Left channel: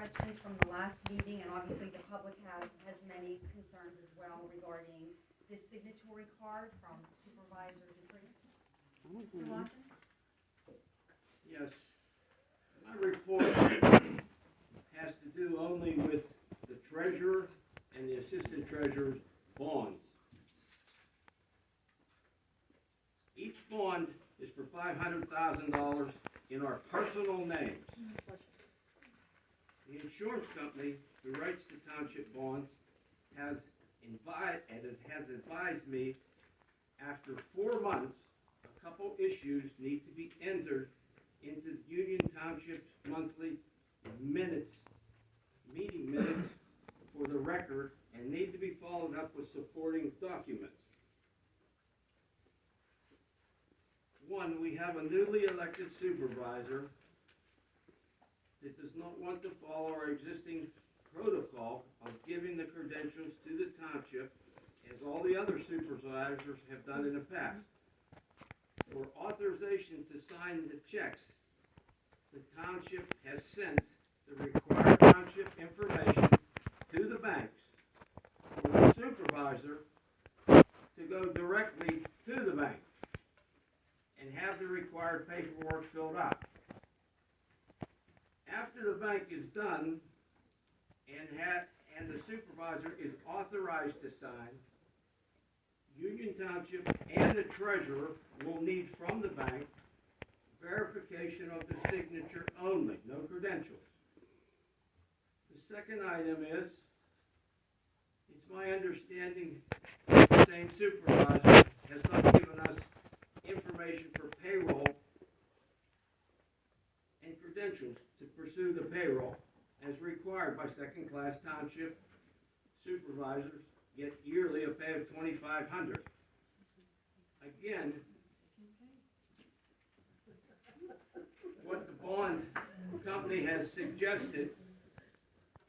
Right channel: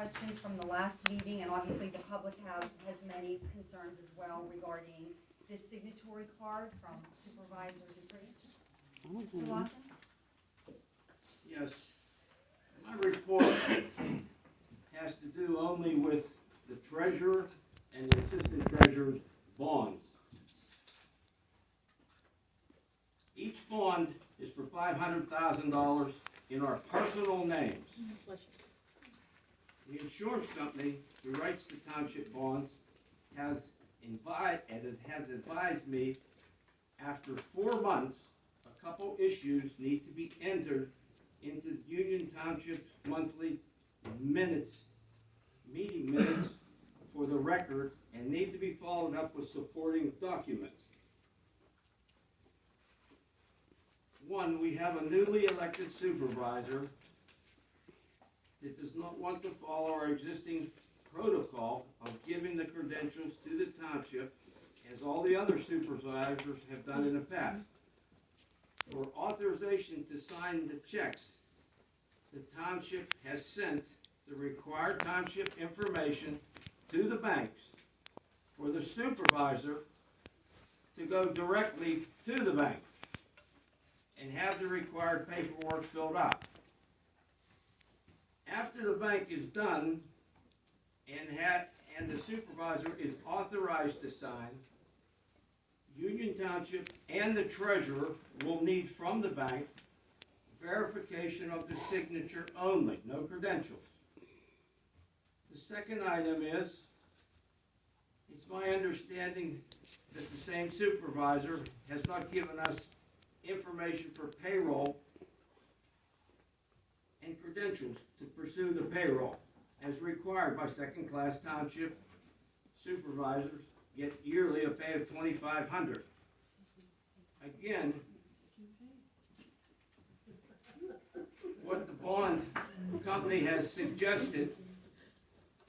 questions from the last meeting, and obviously the public has many concerns as well regarding this signatory card from Supervisor Dupree. Mr. Lawson? Yes, my report has to do only with the treasurer and the assistant treasurer's bonds. Each bond is for $500,000 in our personal names. The insurance company who writes the township bonds has advised me after 4 months, a couple issues need to be entered into Union Township's monthly minutes, meeting minutes for the record, and need to be followed up with supporting documents. One, we have a newly elected supervisor that does not want to follow our existing protocol of giving the credentials to the township, as all the other supervisors have done in the past. For authorization to sign the checks, the township has sent the required township information to the banks for the supervisor to go directly to the bank and have the required paperwork filled out. After the bank is done and the supervisor is authorized to sign, Union Township and the treasurer will need from the bank verification of the signature only, no credentials. The second item is, it's my understanding the same supervisor has not given us information for payroll and credentials to pursue the payroll as required by second-class township supervisors get yearly a pay of $2,500. Again, what the bond company has suggested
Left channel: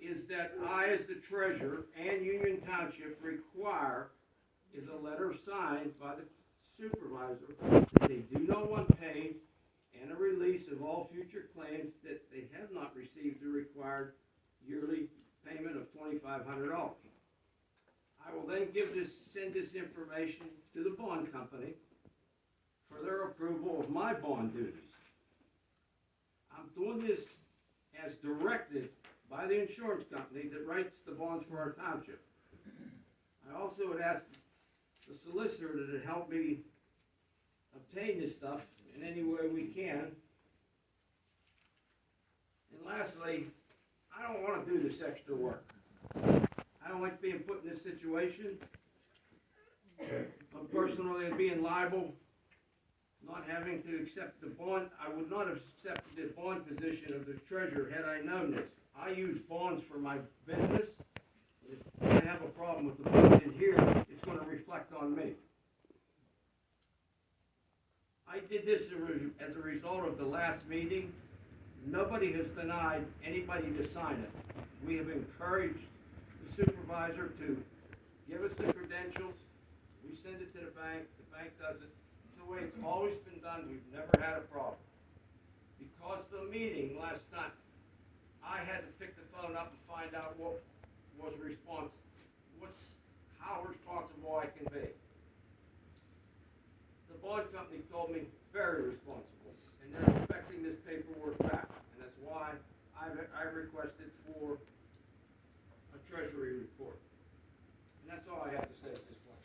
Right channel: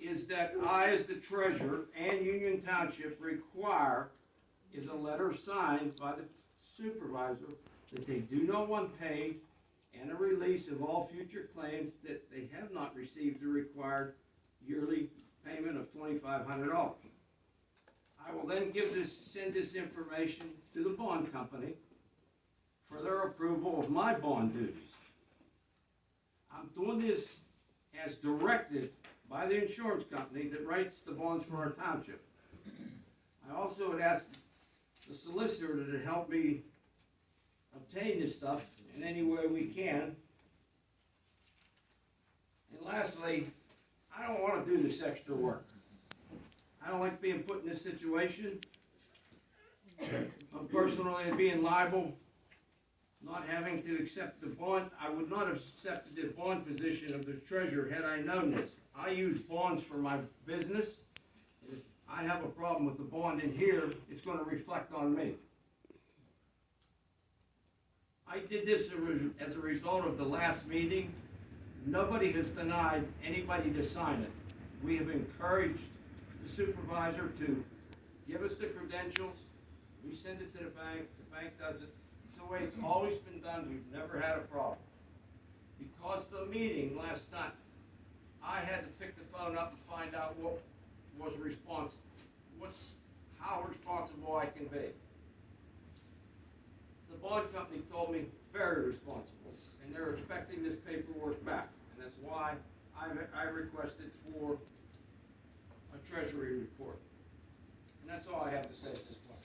is that I, as the treasurer, and Union Township require is a letter signed by the supervisor that they do not want paid and a release of all future claims that they have not received the required yearly payment of $2,500. I will then send this information to the bond company for their approval of my bond duties. I'm doing this as directed by the insurance company that writes the bonds for our township. I also would ask the solicitor to help me obtain this stuff in any way we can. And lastly, I don't want to do this extra work. I don't like being put in this situation. I'm personally being liable, not having to accept the bond. I would not have accepted the bond position of the treasurer had I known this. I use bonds for my business. If I have a problem with the bond in here, it's going to reflect on me. I did this as a result of the last meeting. Nobody has denied anybody to sign it. We have encouraged the supervisor to give us the credentials. We send it to the bank does it. It's the way it's always been done. We've never had a problem. Because of the meeting last night, I had to pick the phone up and find out what was how responsible I can be. The bond company told me it's very responsible, and they're expecting this paperwork back, and that's why I requested for a treasury report. And that's all I have to say at this point.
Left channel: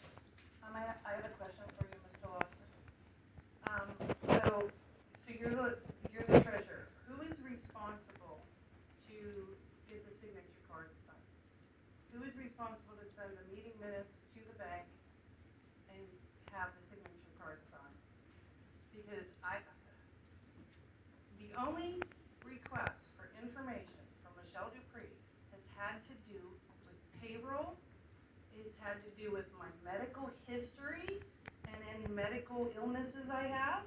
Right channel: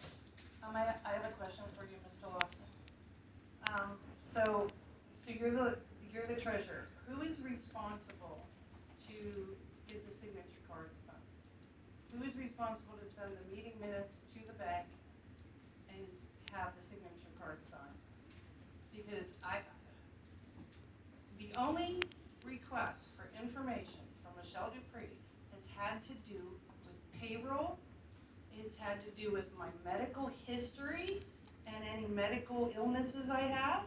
I have a question for you, Mr. Lawson. So you're the treasurer. Who is responsible to get the signature cards done? Who is responsible to send the meeting minutes to the bank and have the signature cards signed? Because the only request for information from Michelle Dupree has had to do with payroll. It's had to do with my medical history and any medical illnesses I have.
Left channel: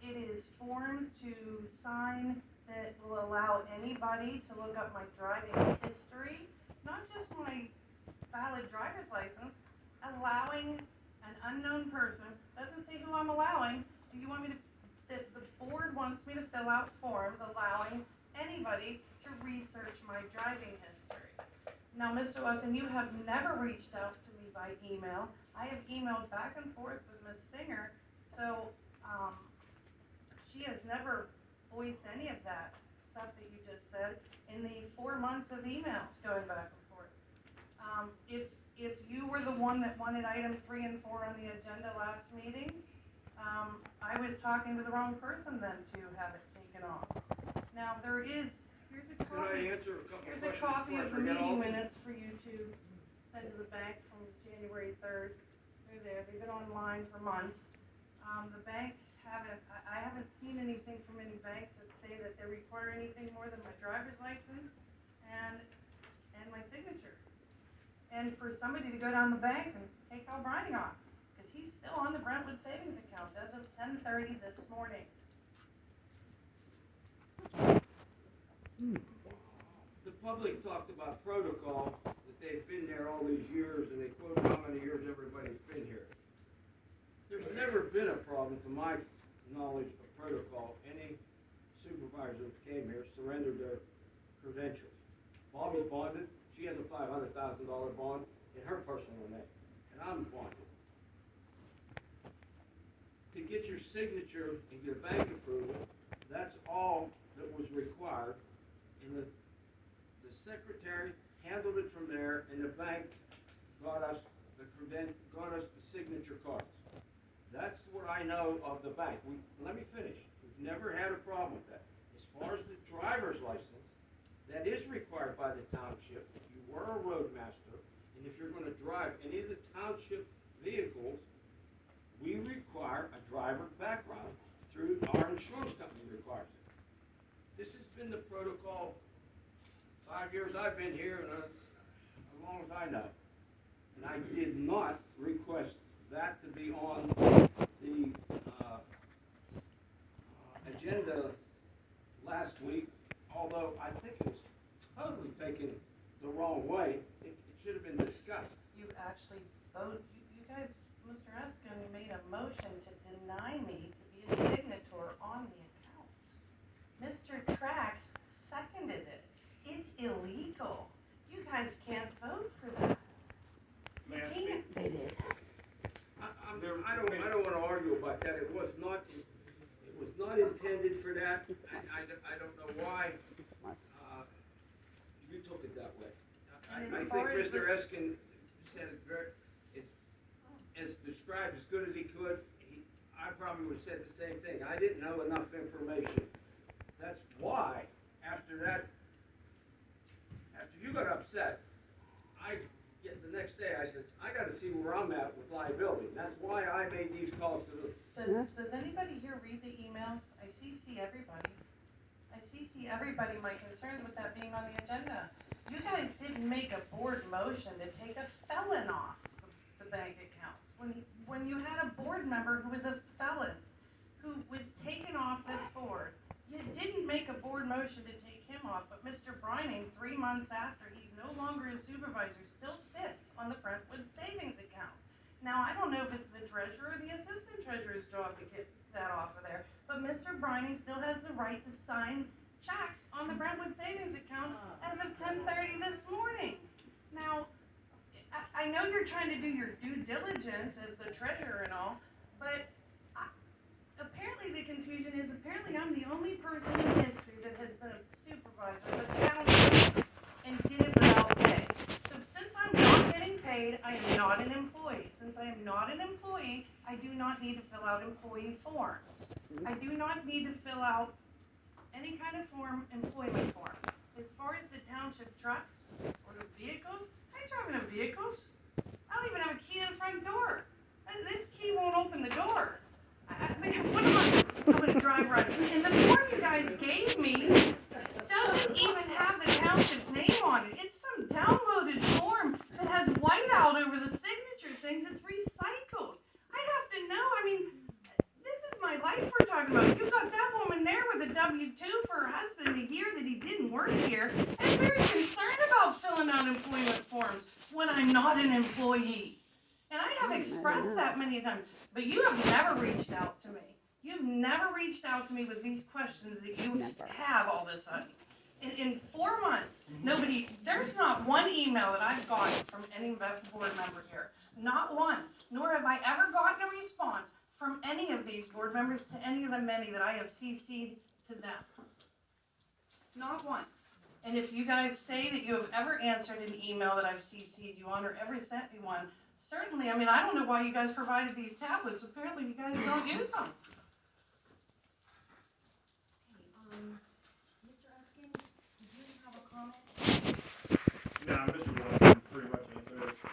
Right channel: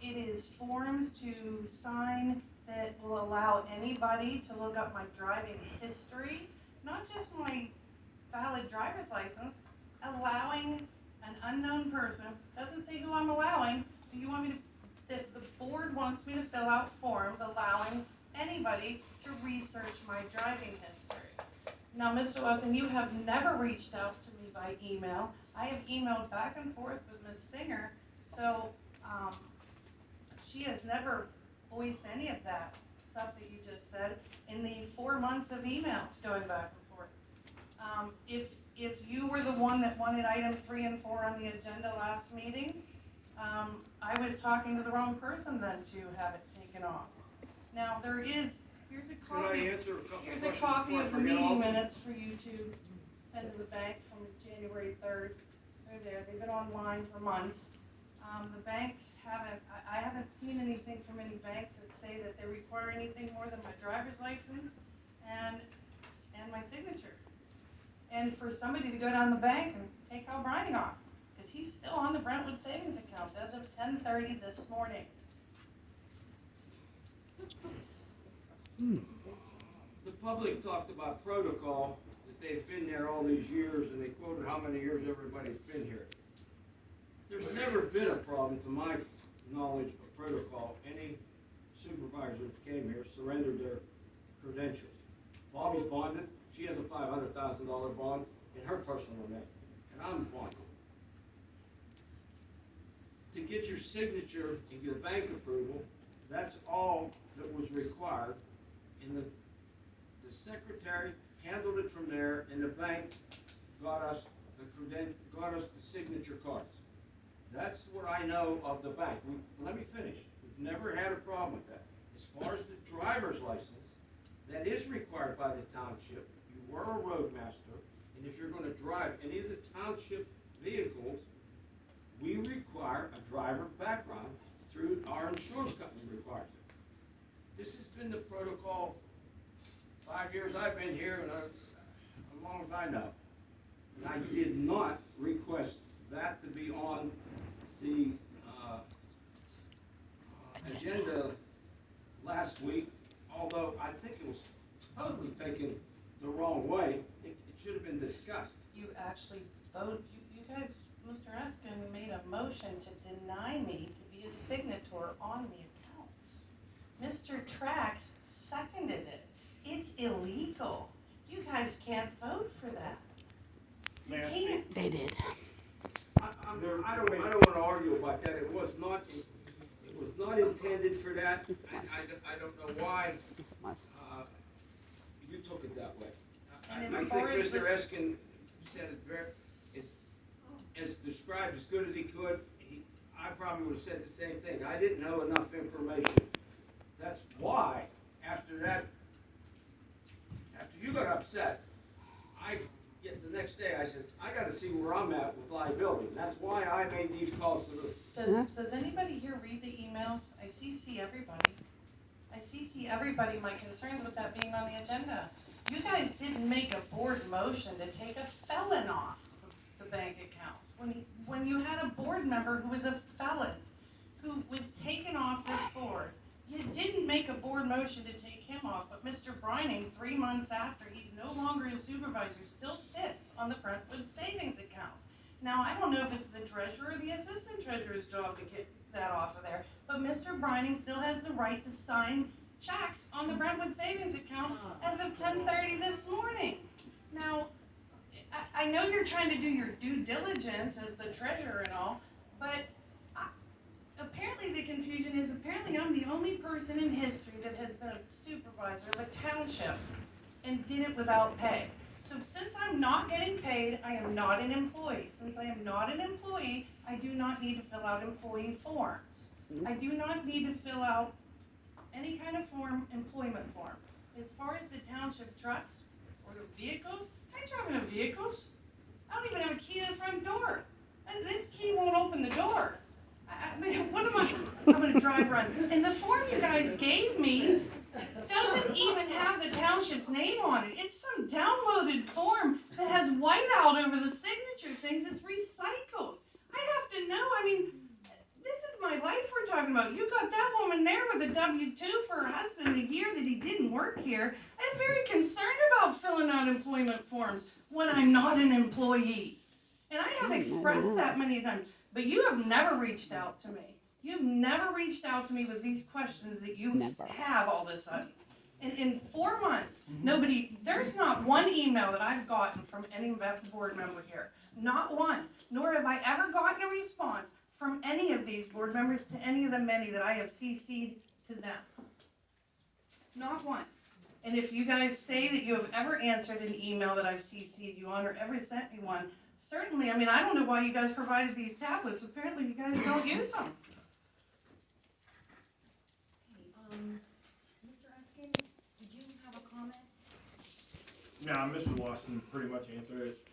It is forms to sign that will allow anybody to look up my driving history, not just my valid driver's license, allowing an unknown person, doesn't say who I'm allowing, but you want me to, the board wants me to fill out forms allowing anybody to research my driving history. Now, Mr. Lawson, you have never reached out to me by email. I have emailed back and forth with Ms. Singer, so she has never voiced any of that stuff that you just said in the 4 months of emails going back and forth. If you were the one that wanted item 3 and 4 on the agenda last meeting, I was talking to the wrong person then to have it taken off. Now, here's a Could I copy. answer a couple Here's questions a copy before I of the forget all meeting of them? minutes for you to send to the bank from January 3rd. They're there, they've been online for months. The banks I haven't seen anything from any banks that say that they require anything more than my driver's license and my signature. And for somebody to go down the bank and take Hal Brining off, because he's still on the Brentwood savings accounts as of 10:30 this morning. The public talked about protocol, that they've been there all these years, and they quoted how many years everybody's been here. There's never been a problem, to my knowledge of protocol. Any supervisor that came here surrendered their credentials. Bobby's bonded, she has a $500,000 bond in her personal name, and I'm bonded. To get your signature and your bank approval, that's all that was required, and the secretary handled it from there, and the bank got us the signature cards. That's what I know of the bank. Let me finish. We've never had a problem with that. As far as the driver's license, that is required by the township. If you were a roadmaster, and if you're gonna drive any of the township vehicles, we require a driver background through our insurance company requires it. This has been the protocol 5 years I've been here, and as long as I know. And I did not request that to be on the agenda last week, although I think it was totally taken the wrong way. It should have been discussed. You actually vote, you guys, Mr. Eskin made a motion to deny me to be a signator on the accounts. Mr. Trax seconded it. It's illegal. You guys can't vote for that. You can't. They did. I don't wanna argue about that. It was not intended for that. I don't know why, you took it that way. I And as think far as Mr. this- Eskin said it as described as good as he could. I probably would have said the same thing. I didn't know enough information. That's why, after you got upset, the next day I said, I gotta see where I'm at with liability. That's why I made these calls to the. Does anybody here read the emails? I CC everybody. My concerns with that being on the agenda. You guys didn't make a board motion to take a felon off the bank accounts. When you had a board member who was a felon, who was taken off this board, you didn't make a board motion to take him off, but Mr. Brining, 3 months after he's no longer a supervisor, still sits on the Brentwood savings accounts. Now, I don't know if it's the treasurer or the assistant treasurer's job to get that off of there, but Mr. Brining still has the right to sign checks on the Brentwood savings account as of 10:30 this morning. Now, I know you're trying to do your due diligence as the treasurer and all, but apparently the confusion is I'm the only person in history that has been a supervisor of a township and did it without pay. So since I'm not getting paid, I am not an employee. Since I am not an employee, I do not need to fill out employee forms. I do not need to fill out any kind of employment form. As far as the township trucks or the vehicles, I drive in vehicles. I don't even have a key to the front door. This key won't open the door. What am I? I'm gonna drive around. And the form you guys gave me doesn't even have the township's name on it. It's some downloaded form that has whiteout over the signature things. It's recycled. I have to know. This is my life we're talking about. You've got that woman there with a W-2 for her husband the year that he didn't work here. I'm very concerned about filling out employment forms when I'm not an employee. And I have expressed that many times. But you have never reached out to me. You've never reached out to me with these questions that you have all of a sudden. In 4 months, there's not one email that I've gotten from any board member here. Not one. Nor have I ever gotten a response from any of these board members to any of the many that I have CC'd to them. Not once. And if you guys say that you have ever answered an email that I've CC'd you on or ever sent me one, certainly, I mean, I don't know why you guys provided these tablets. Apparently you guys don't use them.